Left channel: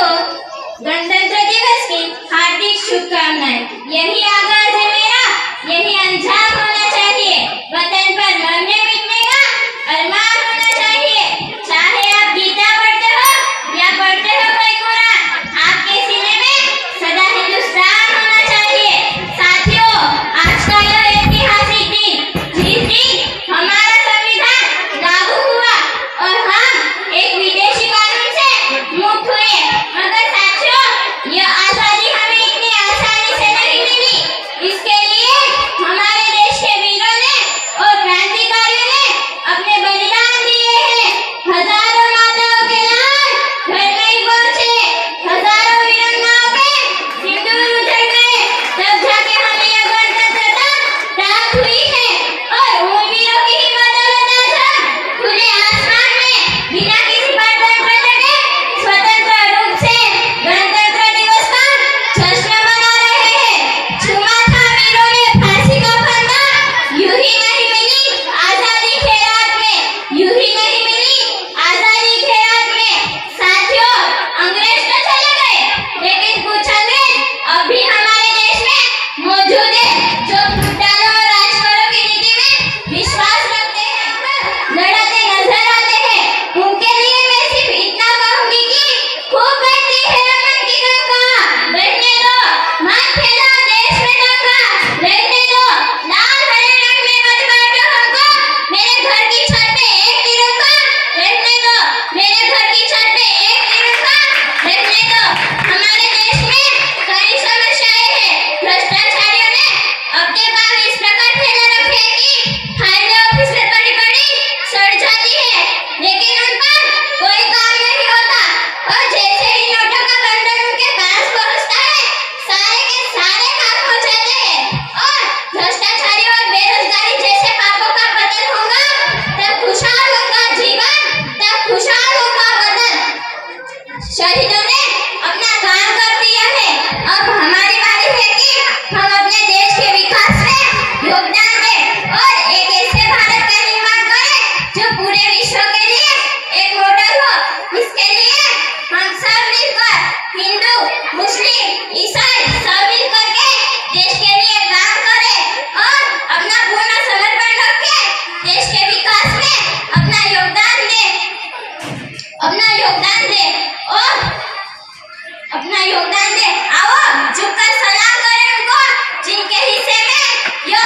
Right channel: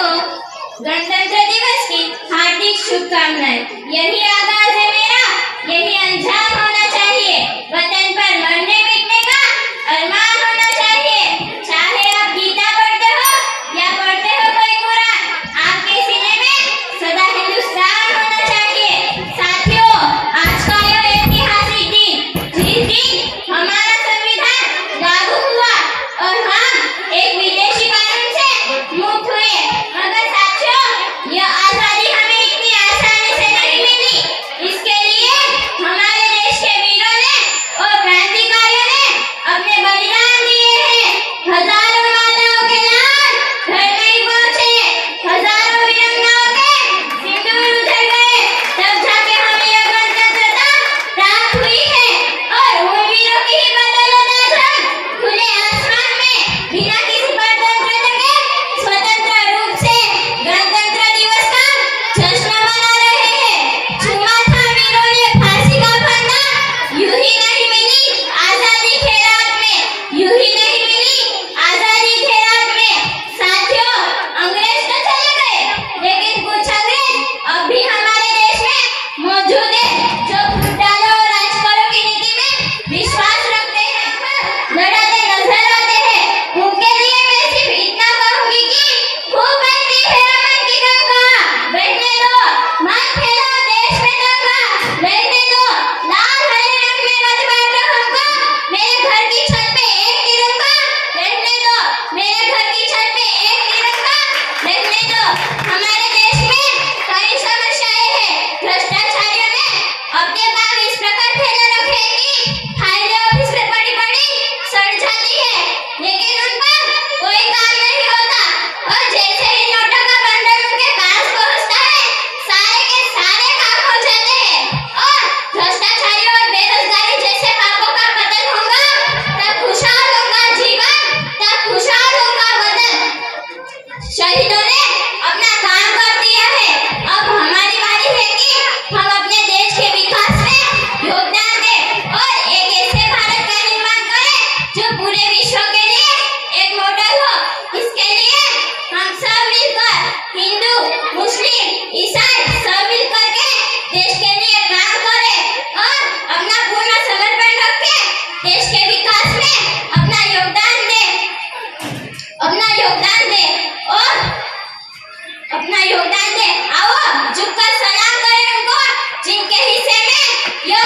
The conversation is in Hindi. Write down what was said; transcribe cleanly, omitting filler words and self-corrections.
को गणतंत्र दिवस की हार्दिक शुभकामनाएं। यही आगाज है मेरा, यही अंजाम होना चाहिए। वतन पर मरने मिटने का अरमान होना चाहिए। चाहे आप गीता पढ़ते हो या पढ़ते हो कोई कुरान, आपके सीने में सदा हिंदुस्तान होना चाहिए। साथियों, आज का यह ऐतिहासिक दिन, जिस दिन हमारा संविधान लागू हुआ और हम एक विदेशी कानून से मुक्त हुए, मगर साथियों, यह आजादी हमें इतनी आसानी से नहीं मिली। इसके लिए हमारे देश के वीरों ने और क्रांतिकारियों ने अपने बलिदान दिए हैं। हजारों माताओं के लाल घर नहीं पहुंचे, हजारों वीरांगनाओं के सिंदूर उजड़ गए, तब जाके हमें यह गणतंत्रता प्राप्त हुई है। और उन वीरों की ही बदौलत आज हम खुले आसमान में बिना किसी परतंत्र के स्वतंत्र रूप से गणतंत्र दिवस का जश्न मना रहे हैं। छुआ था वीरों ने फांसी का फंदा, यूं ही नहीं मिली आजादी के रात में, यूं ही नहीं मिली आजादी के रात में। साथियों, अंग्रेज तो चले गए, लेकिन कुछ अंग्रेज अब भी हमारे देश में मौजूद है, जो फुटालो और राज करो की नीति में विश्वास रखते हैं, पर लड़ते नजर आते हैं। उनके लिए मैं सिर्फ इतना कहूंगी कि खूब बढ़ती है अमन की गंगा, बैठने दो मत फैलाओ देश में दंगा, रहने दो लाल हरे रंग में मत बांटो हमको, मेरे घर की छत पे एक तिरंगा, रहने दो मेरे घर की छत पे एक तिरंगा, रहने दो। हमारे देश में कई समस्याएं हैं। भ्रष्टाचारियों ने अपने काम इस प्रकार फैला रखे हैं कि हाईवे ऑफिस में बड़ी बड़ी सड़ जाती है, लेकिन उन पर कोई काम नहीं होता। और जैसे ही नोटों का बंडल उनके पास पहुंचता है, सारे के सारे काम हो जाते हैं। और भ्रष्टाचारी और बेरोजगारी जैसे पापों का पतन होगा, तब खुशहाल होगा जीवन, तब खुशहाल होगा वतन। शहीदों ने अपना काम कर दिया है, अब हमारी बारी है कि हम अपने देश के विकास में योगदान दें और एक ऐसे भारत का निर्माण करें जो पूरे विश्व के लिए एक मॉडल हो। इसके लिए हम सब मिलकर, हिंदू मुस्लिम ईसाई सब मिलकर के देश के लिए काम करें और अपना पूर्ण समर्पण रख के देश के विकास में अपना योगदान दे। आओ झुककर सलाम करें उनको, जिनके हिस्से में यह